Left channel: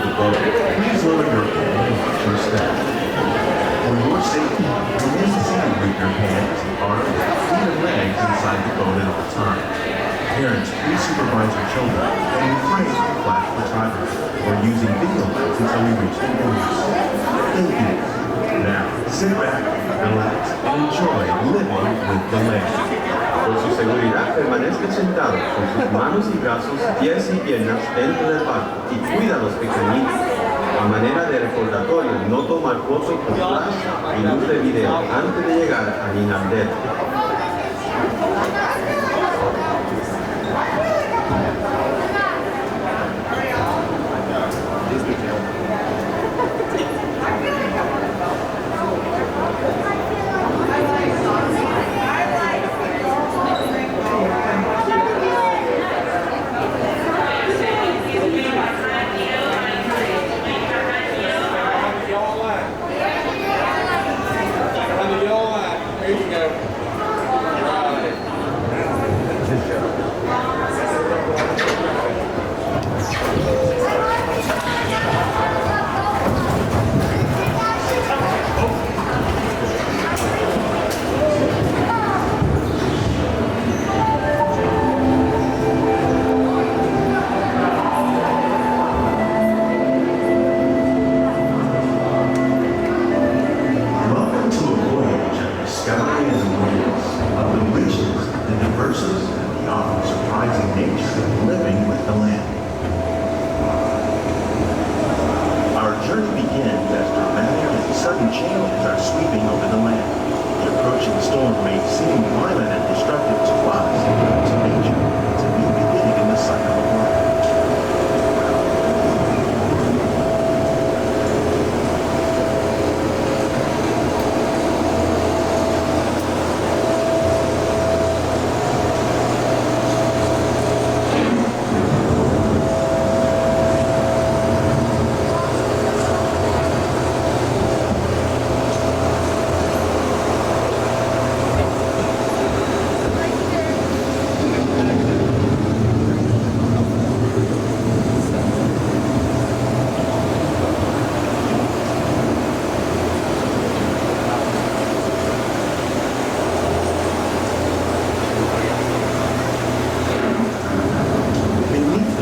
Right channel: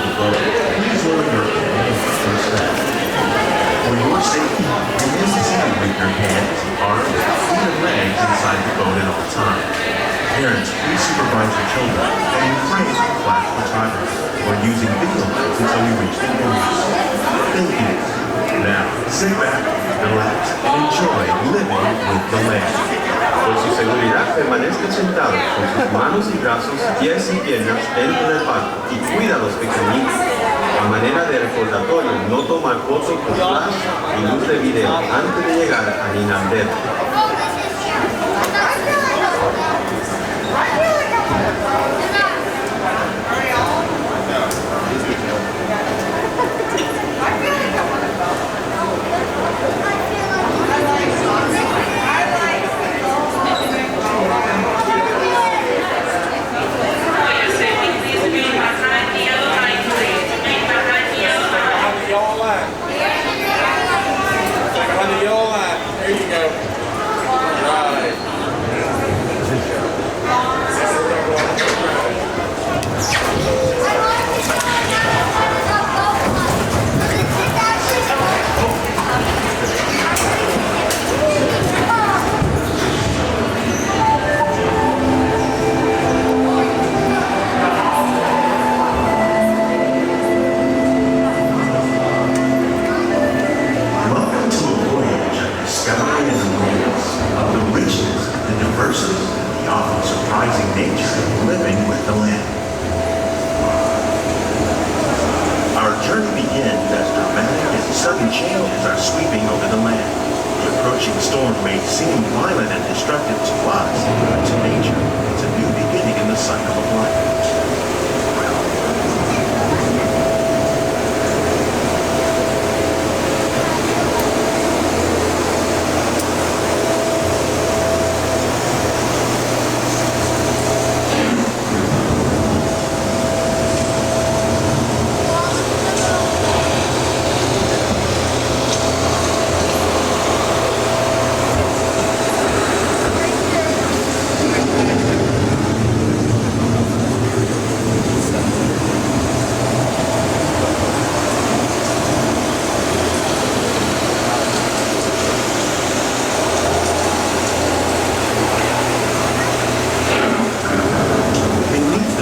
the boat, please lower your hand first step. For your safety, it is necessary to leave your hands, arms, feet, and legs inside the boat at all times. Parents, please supervise your children and refrain from flash photography or using video lights until we reach the end. Thank you. Now, sit back, relax, and enjoy living with the land. Por su seguridad, permanezca sentado con sus manos y brazos, pies y piernas dentro del barco y cuida a los pequeñitos. A manera de recordatorio, no tomar fotos con flash y luz de video antes de llegar a Inaldero.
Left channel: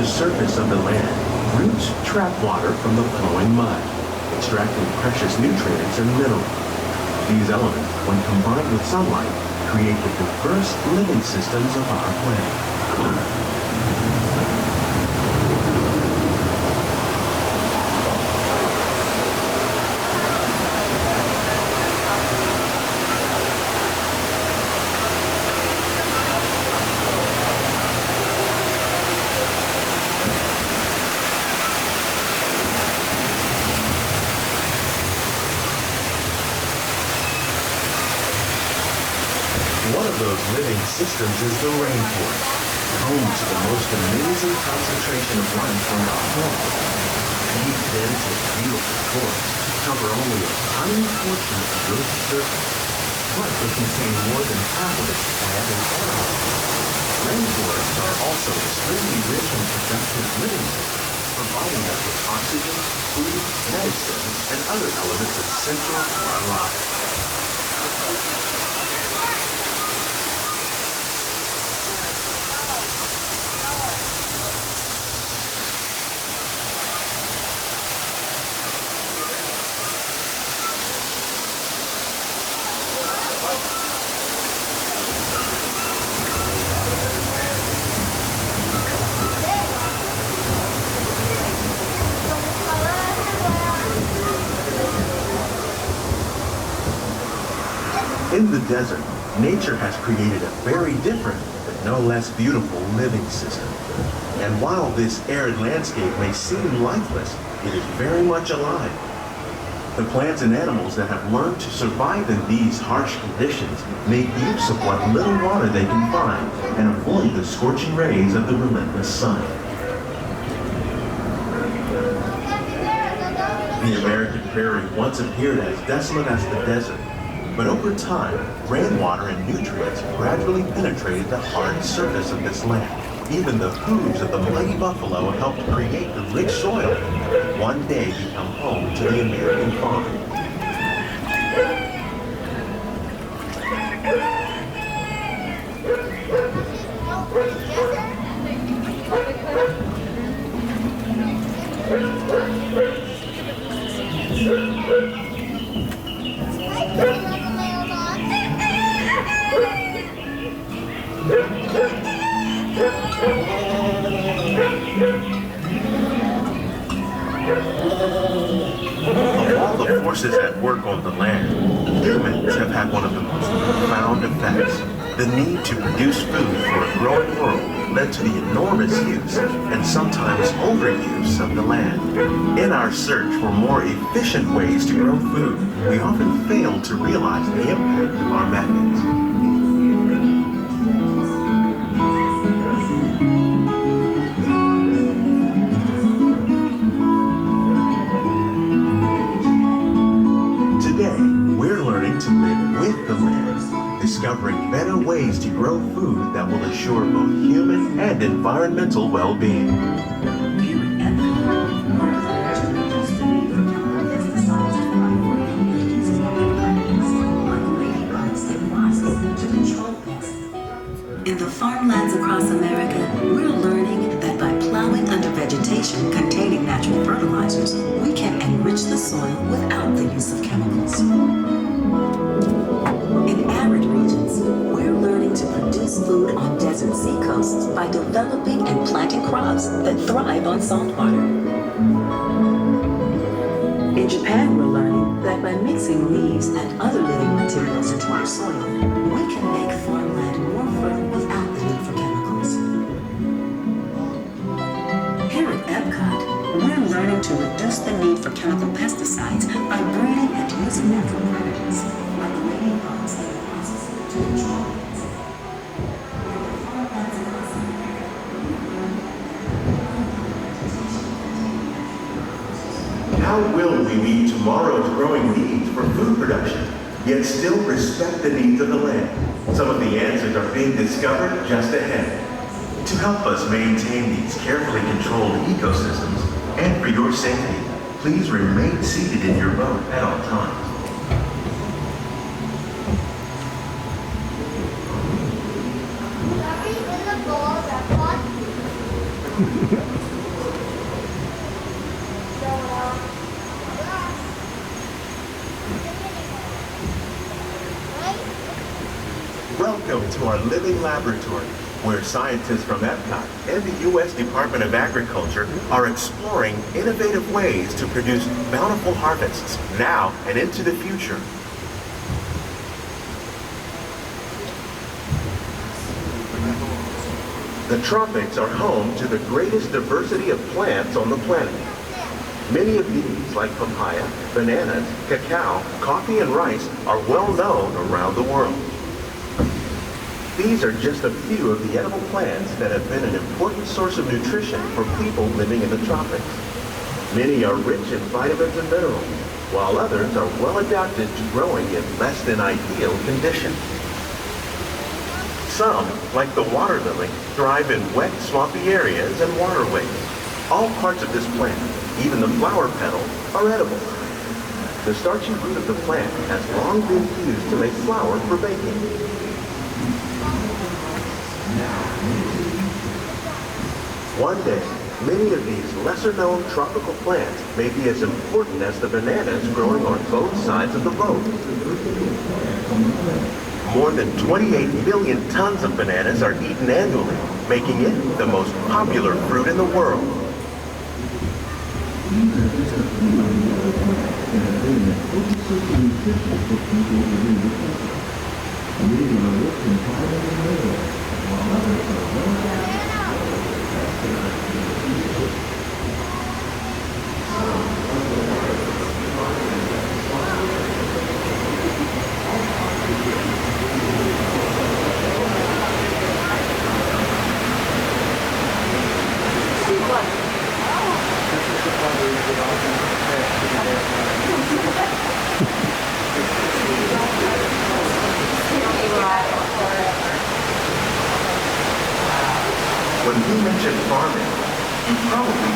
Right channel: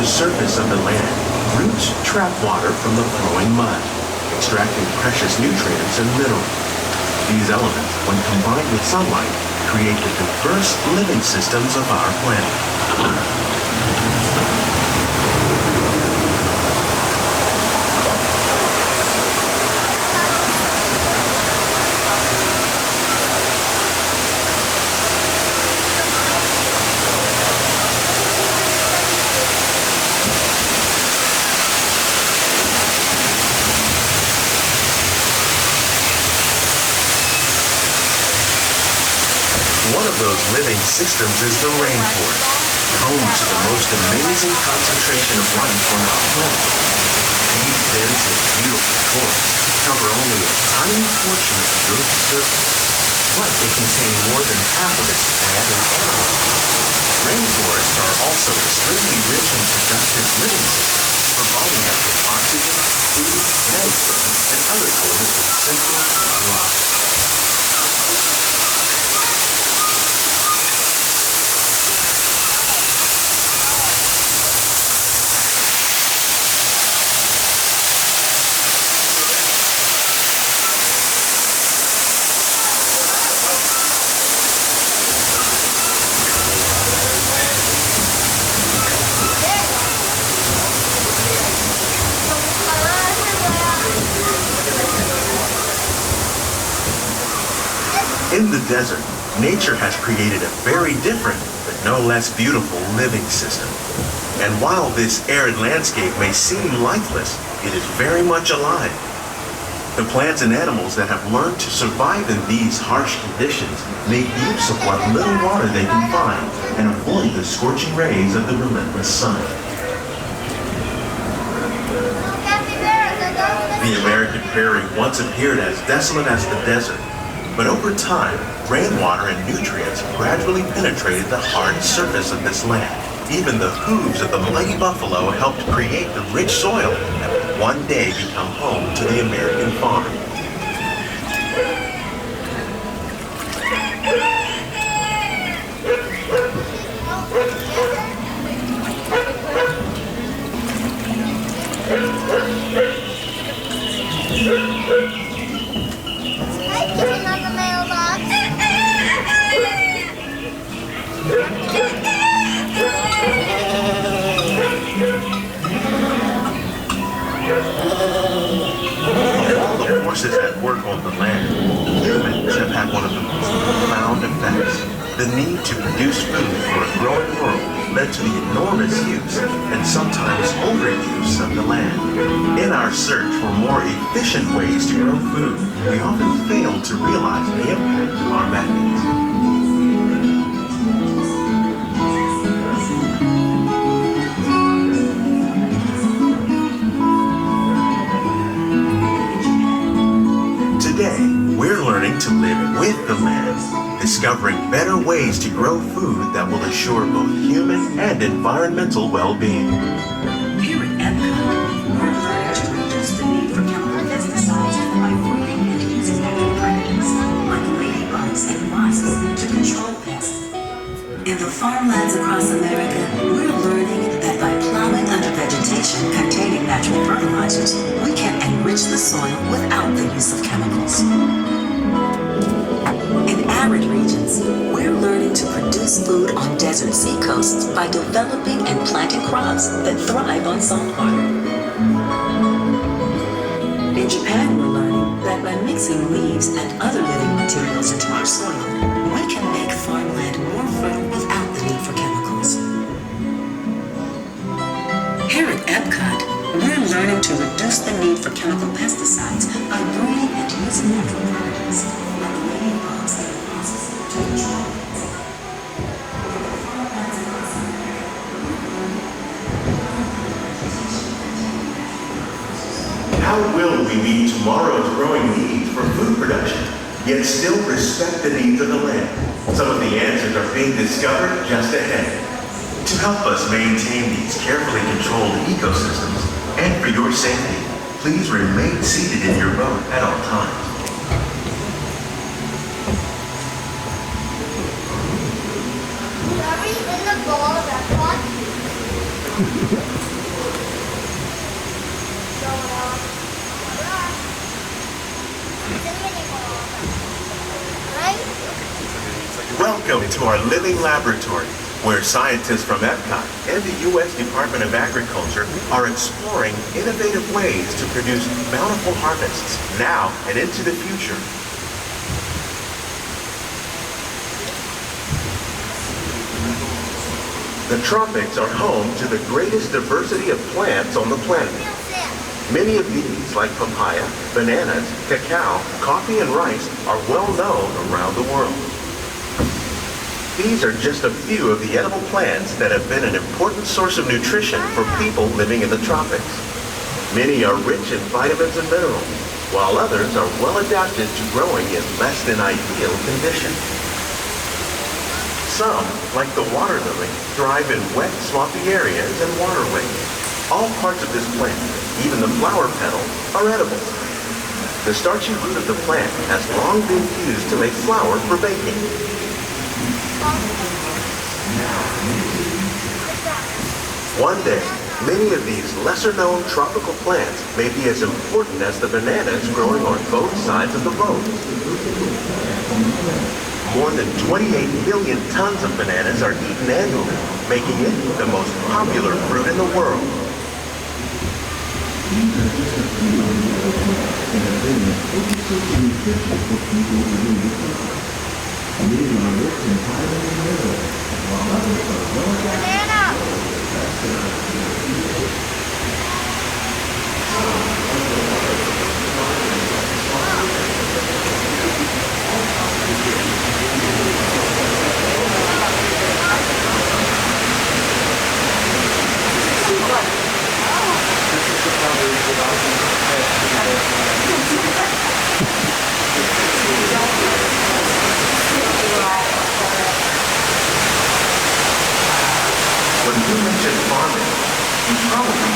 Surface of the land, roots trap water from the flowing mud, extracting precious nutrients and minerals. These elements, when combined with sunlight, create the diverse living systems of our planet. One of those living systems is the rainforest, home to the most amazing concentration of life on our planet. These dense and beautiful forests cover only a tiny portion of the Earth's surface, but they contain more than half of its plant and animal. Rainforests are also extremely rich and productive living systems, providing us with oxygen, food, medicine, and other elements essential to our lives. In the desert, nature has created a very different, but no less beautiful living system. And while this arid landscape may seem lifeless, it is very much alive. The plants and animals that have learned to survive in these harsh conditions make use of what little water they can find and avoid the scorching rays of the relentless sun. The American prairie once appeared as desolate as the desert. But over time, rainwater and nutrients gradually penetrated the hard surface of this land. Even the hooves of the mighty buffalo helped create the rich soil that one day become home to the American farm. Of all the forces at work on the land, humans have had one of the most profound effects. The need to produce food for a growing world led to the enormous use and sometimes overuse of the land. In our search for more efficient ways to grow food, we often fail to realize the impact of our methods. Today, we're learning to live with the land, discovering better ways to grow food that will assure both human and environmental well-being. Here at EPCOT, we're learning to reduce the need for chemical pesticides by breeding and using natural predators like ladybugs and wasps to control pests. In the farmlands across America, we're learning that by plowing under vegetation containing natural fertilizers, we can enrich the soil without the use of chemicals. In arid regions, we're learning to produce food on desert seacoasts by developing and planting crops that thrive on saltwater. In Japan, we're learning that by mixing leaves and other living materials into our soil, we can make farmland more fertile without the need for chemicals. Here at EPCOT, we're learning to reduce the need for chemical pesticides by breeding and using natural predators like ladybugs and wasps to control pests. How will we meet tomorrow's growing needs for food production, yet still respect the needs of the land? Some of the answers are being discovered just ahead. To help us maintain these carefully controlled ecosystems, and for your safety, please remain seated in your boat at all times. Are we in the ball record? Welcome to our living laboratory, where scientists from EPCOT and the U.S. Department of Agriculture are exploring innovative ways to produce bountiful harvests now and into the future. The tropics are home to the greatest diversity of plants on the planet. Many of these, like papaya, bananas, cacao, coffee, and rice, are well known around the world. These are just a few of the edible plants that have been an important source of nutrition for people living in the tropics. Many are rich in vitamins and minerals, while others are well adapted to growing in less than ideal conditions. Some, like the water lily, thrive in wet, swampy areas and waterways. All parts of this plant, even the flower petals, are edible. The starchy root of the plant has long been used to make flour for baking. One day, many of these lesser-known tropical plants may be as important as the bananas growing on both sides of the boat. More than 28 million tons of bananas are eaten annually, making it the most popular fruit in the world. When you mention farming, you probably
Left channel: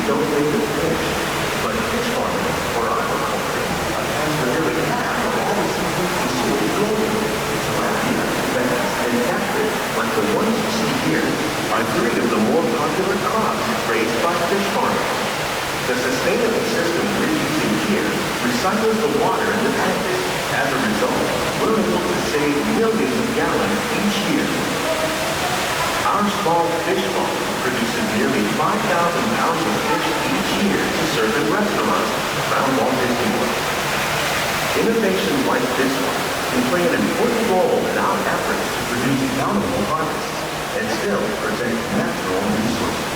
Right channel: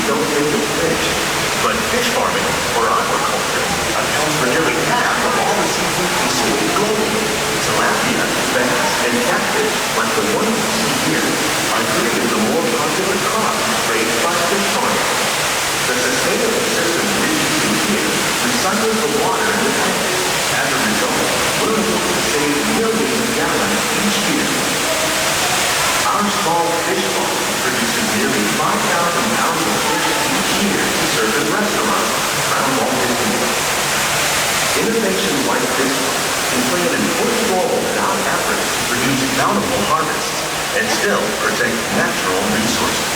for aquaculture accounts for nearly half of all the seafood consumed globally. Tilapia, bass, and catfish, like the ones you see here, are three of the more popular crops raised by fish farmers. The sustainable system we're using here recycles the water in the tank. As a result, we're able to save millions of gallons each year. Our small fish farm produces nearly 5,000 pounds of fish each year to serve in restaurants around Walt Disney World. Innovations like this one can play an important role in our efforts to produce bountiful harvests and still protect natural resources.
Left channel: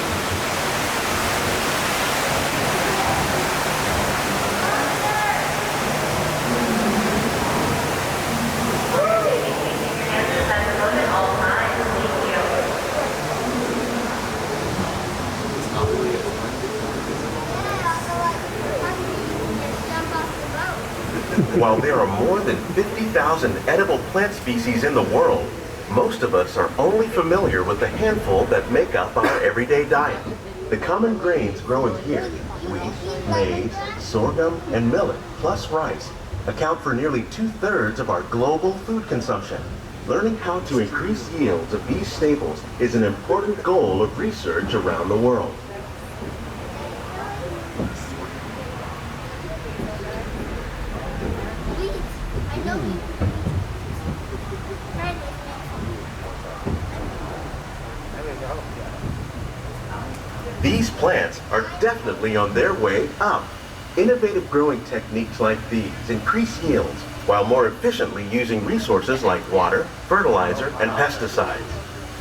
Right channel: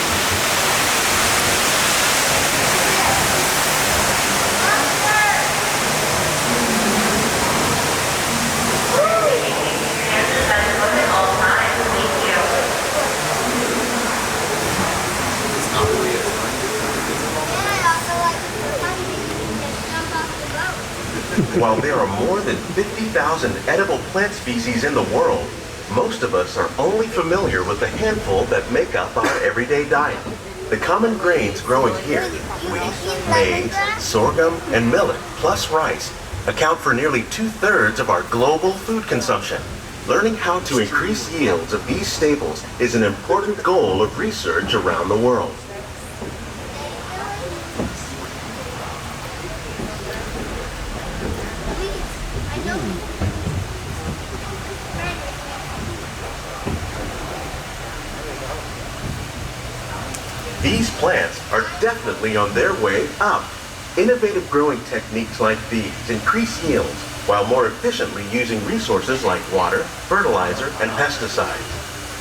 While there are more than 50,000 edible plant species in the world, most of us are only familiar with the handful that make up our everyday diet. The common grains growing here, wheat, maize, sorghum, and millet, plus rice, account for nearly 2/3 of our global food consumption. Learning how to increase yields of these staples is an important goal of research around the world. These plants are definitely on their way up. Innovative growing techniques like these increase yields while more efficiently using resources like water, fertilizer, and pesticides.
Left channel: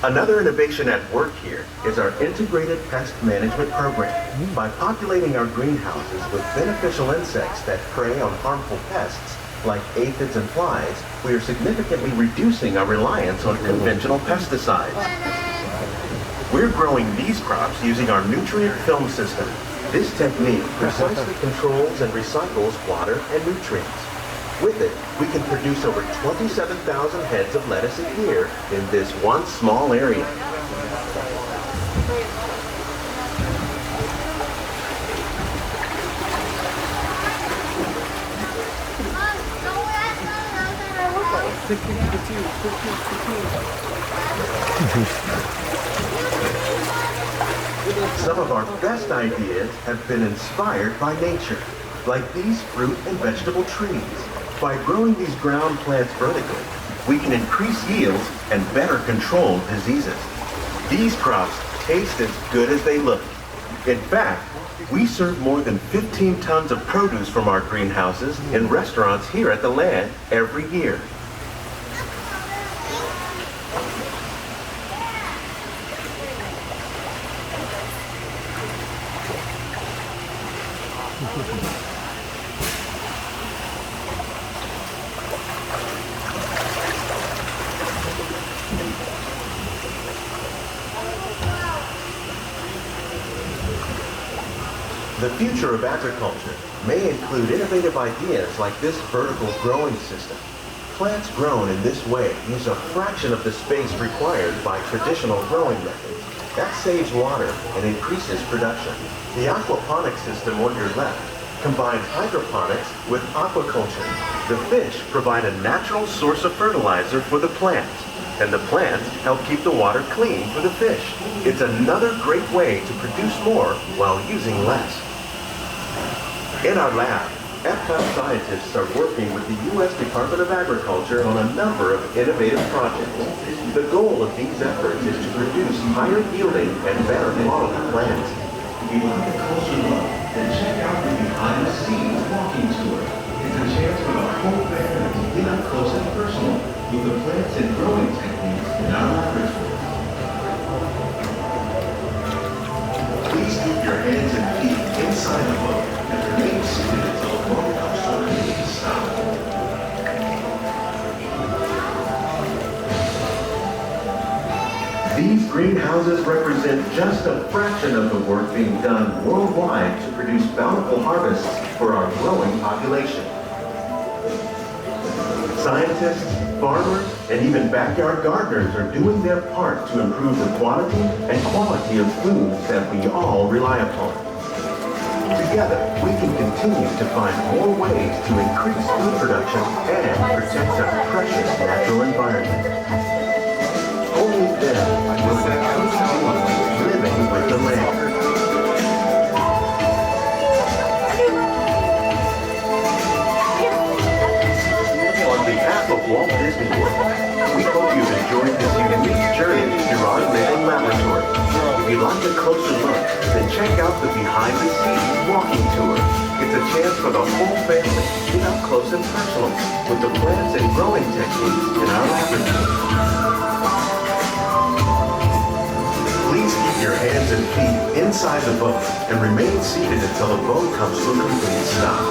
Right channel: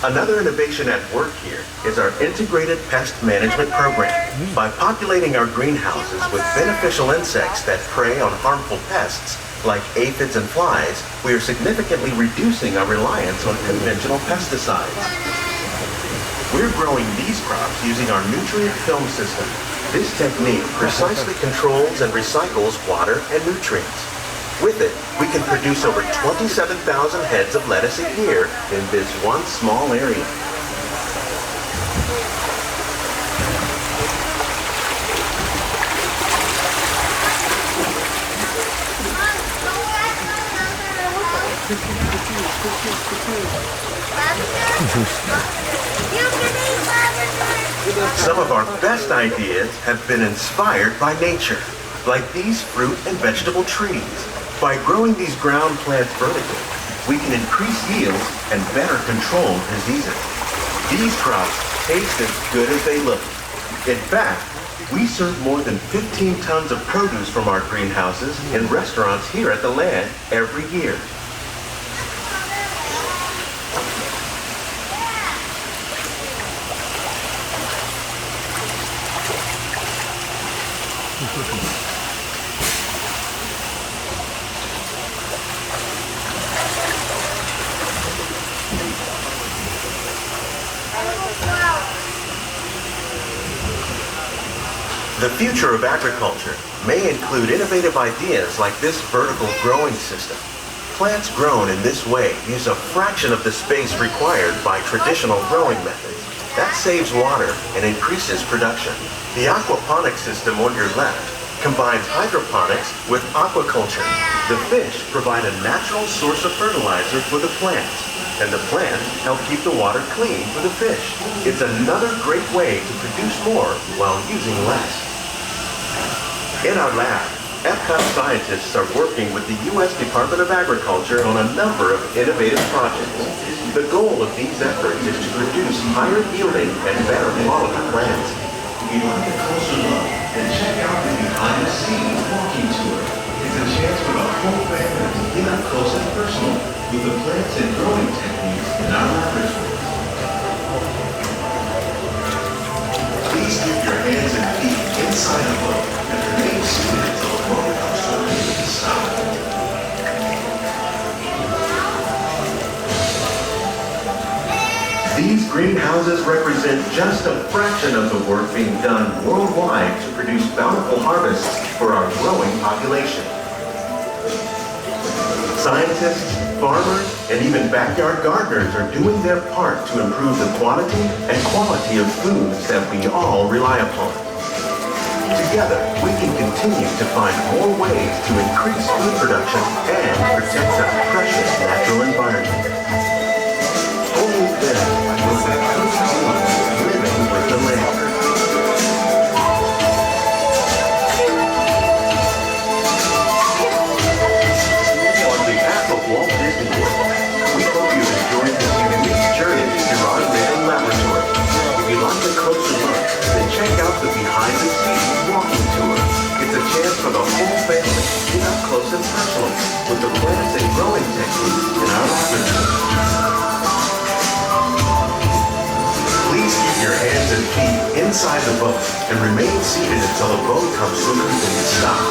Another innovation at work here is our integrated pest management program. By populating our greenhouses with beneficial insects that prey on harmful pests like aphids and flies, we are significantly reducing our reliance on conventional pesticides. We're growing these crops using our nutrient film system. This technique precisely controls and recycles water and nutrients. With it, we can produce over 27,000 heads of lettuce a year in this one small area. Some of our best ideas have been inspired by nature, like these fruit and vegetable trees. By growing these ground plants vertically, we can increase yields and better control diseases. These crops taste as good as they look. In fact, we serve more than 15 tons of produce from our greenhouses in restaurants here at the land every year. The future of agriculture may include innovative ideas like this vertical growing system. Plants grown in this way use a fraction of the space required by traditional growing methods. That saves water and increases production. The aquaponics system on your left combines hydroponics with aquaculture. The fish provide a natural source of fertilizer for the plants, and the plants help keep the water clean for the fish. It's another great way to produce more while using less. In our lab, EPCOT scientists are working with the U.S. Department of Agriculture on a number of innovative projects. The goal of these efforts is to produce higher yielding and better quality plants. If you'd like a closer look, then check out the behind-the-scenes walking tour. It's a chance for the whole family to get up close and personal with the plants and growing techniques in our laboratory. Please keep your hands and feet inside the boat and remain seated until the motor comes to a complete stop. These greenhouses represent just a fraction of the work being done worldwide to produce bountiful harvests for our growing population. Scientists, farmers, and even backyard gardeners are doing their part to improve the quantity and quality of foods that we all rely upon. Together, we can continue to find more ways to increase food production and protect our precious natural environment. Only then will we truly be living with the land. On behalf of Walt Disney World, we hope you've enjoyed this unique journey through our living laboratory. If you'd like a closer look, then check out the behind-the-scenes walking tour. It's a chance for the whole family to get up close and personal with the plants and growing techniques in our laboratory. Please keep your hands and feet inside the boat and remain seated until the boat comes to a complete stop.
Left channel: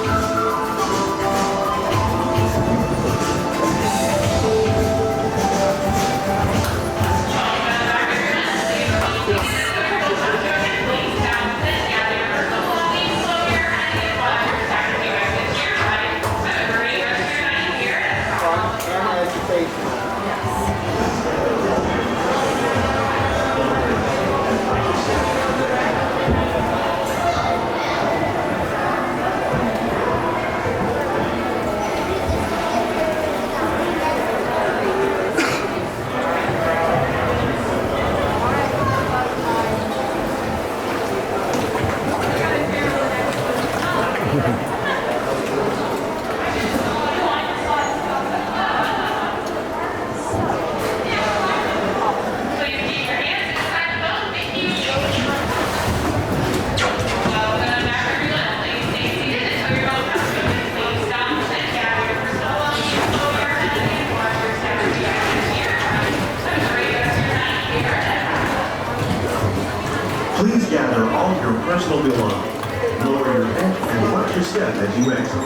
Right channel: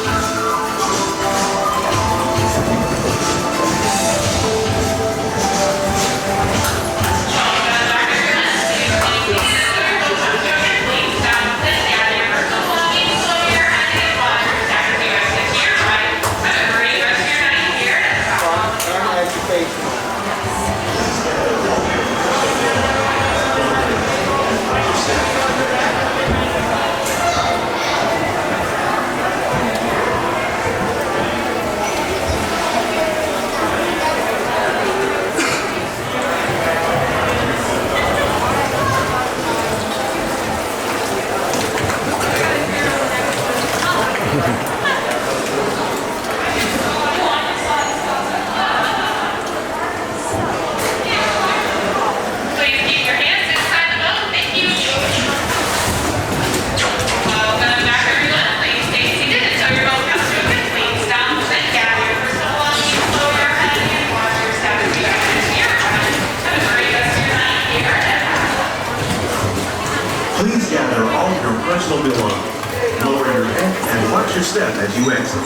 Please gather all your personal belongings. Lower your head and watch your step as you exit.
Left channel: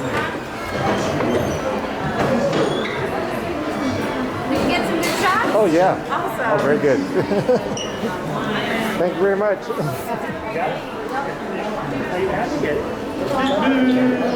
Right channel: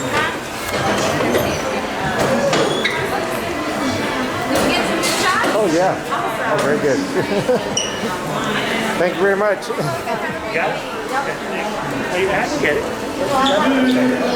Oh yeah. Oh, very good. Thank you very much. Got it? Okay. You have to get it.